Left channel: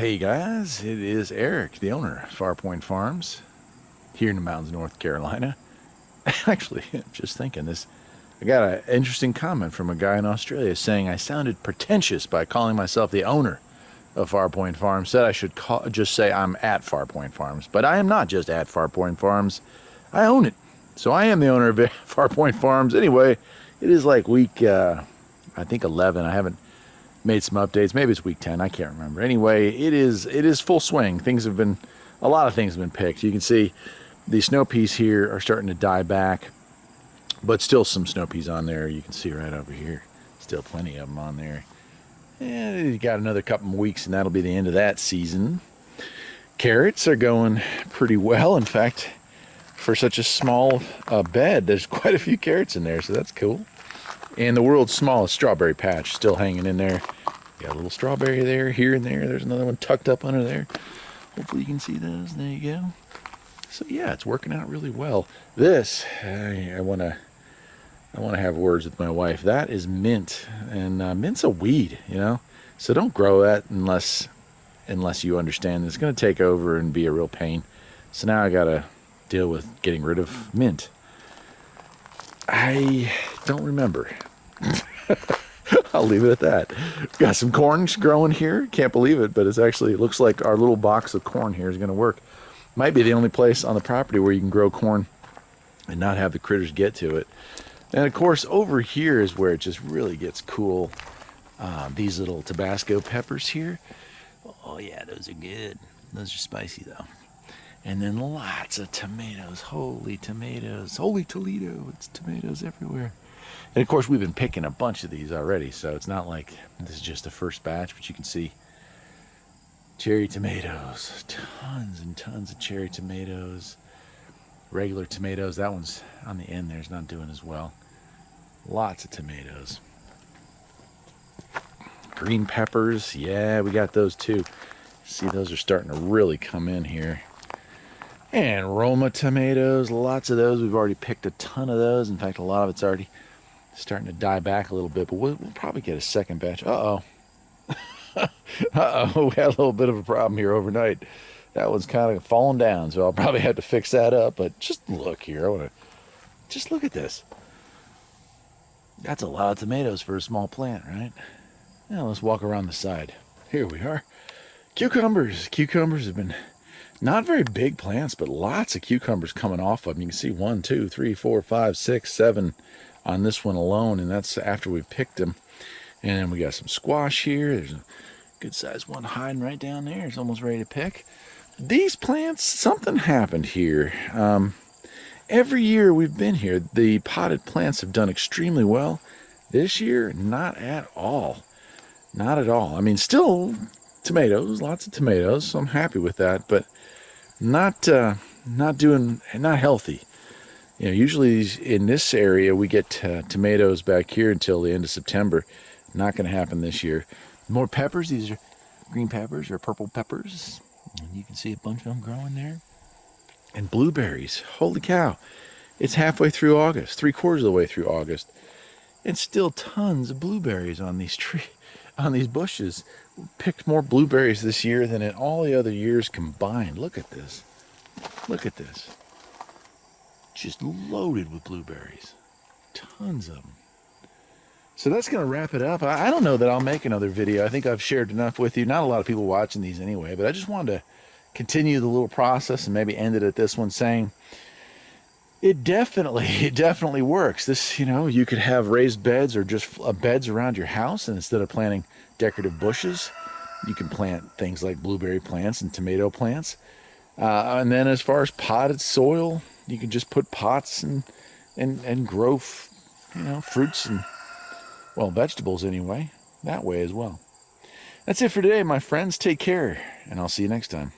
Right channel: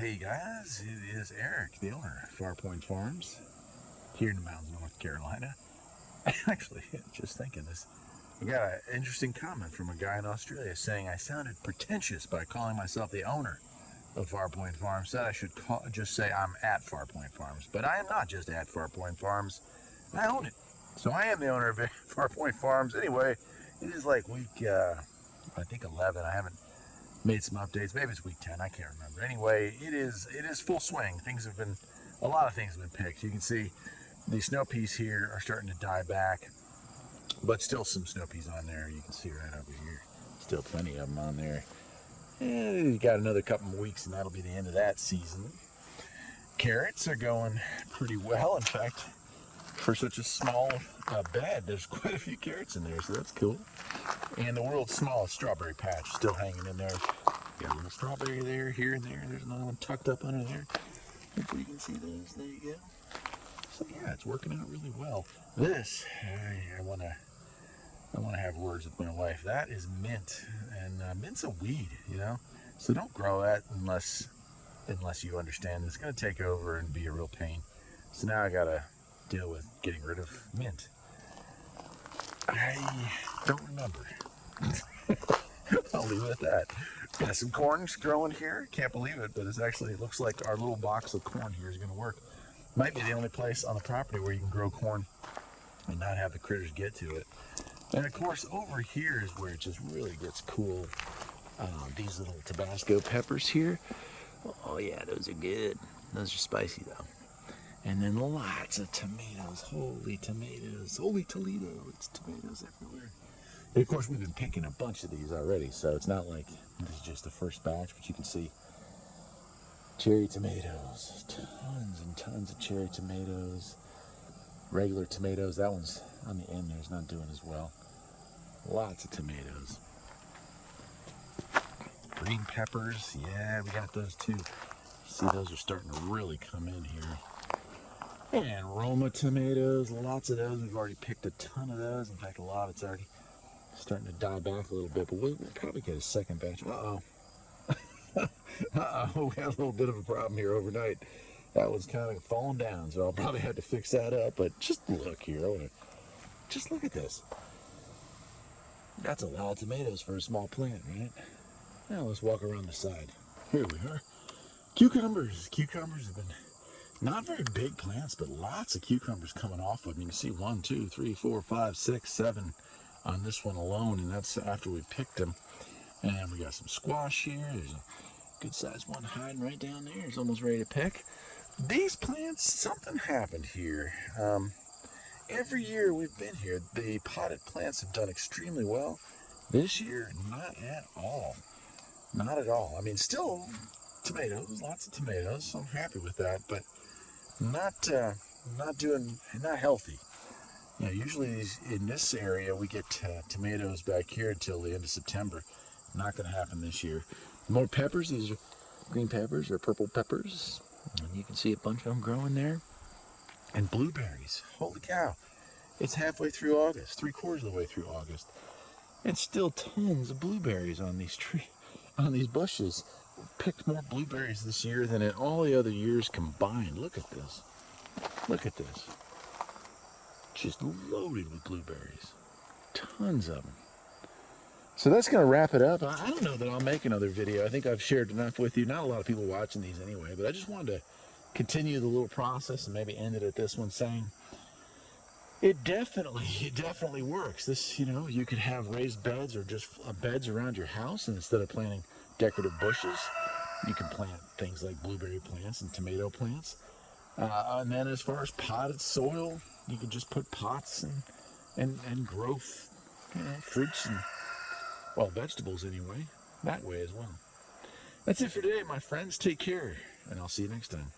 hey guys, it is Eric, the owner of Farpoint Farms, here in the mountains of North Carolina. Actually, just thinking this, I got an interesting comment from a guy in Australia saying I sounded pretentious by calling myself the owner of Farpoint Farms. Said I should just say I'm at Farpoint Farms, but I am not just at Farpoint Farms. I own it, so I am the owner of Farpoint Farms. Anyway, it is like week, I think 11. I haven't made some updates. Maybe it's week 10. I can't remember. Anyway, it is full swing. A lot of things have been picked. You can see the snow peas here are starting to die back, but still some snow peas on there. You can see right over here. Still plenty of them on there. And you got another couple of weeks and that'll be the end of that season. Carrots are going pretty well. In fact, for such a small bed, there's quite a few carrots in there, so that's cool. And the world's smallest strawberry patch still hanging in there. Got a little strawberry there, here and there. There's another one tucked up under there. Hopefully you can see those. There you go. So yeah, it's working out really well. This, I want to have words with my wife. That is mint, and mint's a weed, you know. So don't grow that unless you understand it's going to take over and be a real pain. So now I got to deal with getting rid of mint. I don't remember. I'll leave it at that. Got some corn growing here. Can't believe it, but it looks like our little box of corn here is going to work. Might be the only place on the property where you can grow corn and not have the critters get to it. And of course, over here is where it just really gets cool. These little Tabasco peppers here. Oh yeah, those are good. Those are spicy though. And then lots of tomatoes. Holy tomatoes. Holy Toledo. It's tomatoes everywhere. And of course, we've been picking a bunch of these already, so it's not like this is just the first batch, but you can see cherry tomatoes. Tons and tons of cherry tomatoes. Regular tomatoes. That one's on the end there. It's not doing as well. Lots of tomatoes. Green peppers. Yeah, we got those too. See, those are starting to really come in here. And Roma tomatoes, lots of those. We've already picked a ton of those. In fact, a lot of it's already starting to die back a little bit, but we'll probably get a second batch. Uh-oh. Uh-oh, we had a little bit of a problem here overnight. That one's kind of falling down, so I'll probably have to fix that up, but just look here. Just look at this. That's a lot of tomatoes for a small plant, right? Now let's walk around the side. Here we are. Cucumbers. Cucumbers have been not very big plants, but lots of cucumbers coming off of them. You can see 1, 2, 3, 4, 5, 6, 7 on this one alone, and that's after we picked them. And then we got some squash here. There's a good sized one hiding right down there. It's almost ready to pick. These plants, something happened here. Every year we've been here, the potted plants have done extremely well. This year, not at all. Not at all. I mean, still tomatoes, lots of tomatoes, so I'm happy with that, but not healthy. You know, usually in this area we get tomatoes back here until the end of September. Not going to happen this year. More peppers. These are green peppers or purple peppers. And you can see a bunch of them growing there. And blueberries. Holy cow. It's halfway through August, 3/4 of the way through August. And still tons of blueberries on these bushes. We picked more blueberries this year than in all the other years combined. Look at this. Look at this. Just loaded with blueberries. Tons of them. So that's going to wrap it up. I don't know that I'll make another video. I think I've shared enough with you. Not a lot of people watching these anyway, but I just wanted to continue the little process and maybe end it at this one saying it definitely works. This, you know, you could have raised beds or just beds around your house, and instead of planting decorative bushes, you can plant things like blueberry plants and tomato plants. And then as far as potted soil, you can just put pots and grow, fruits and, well, vegetables anyway, that way as well. That's it for today, my friends. Take care, and I'll see you next time.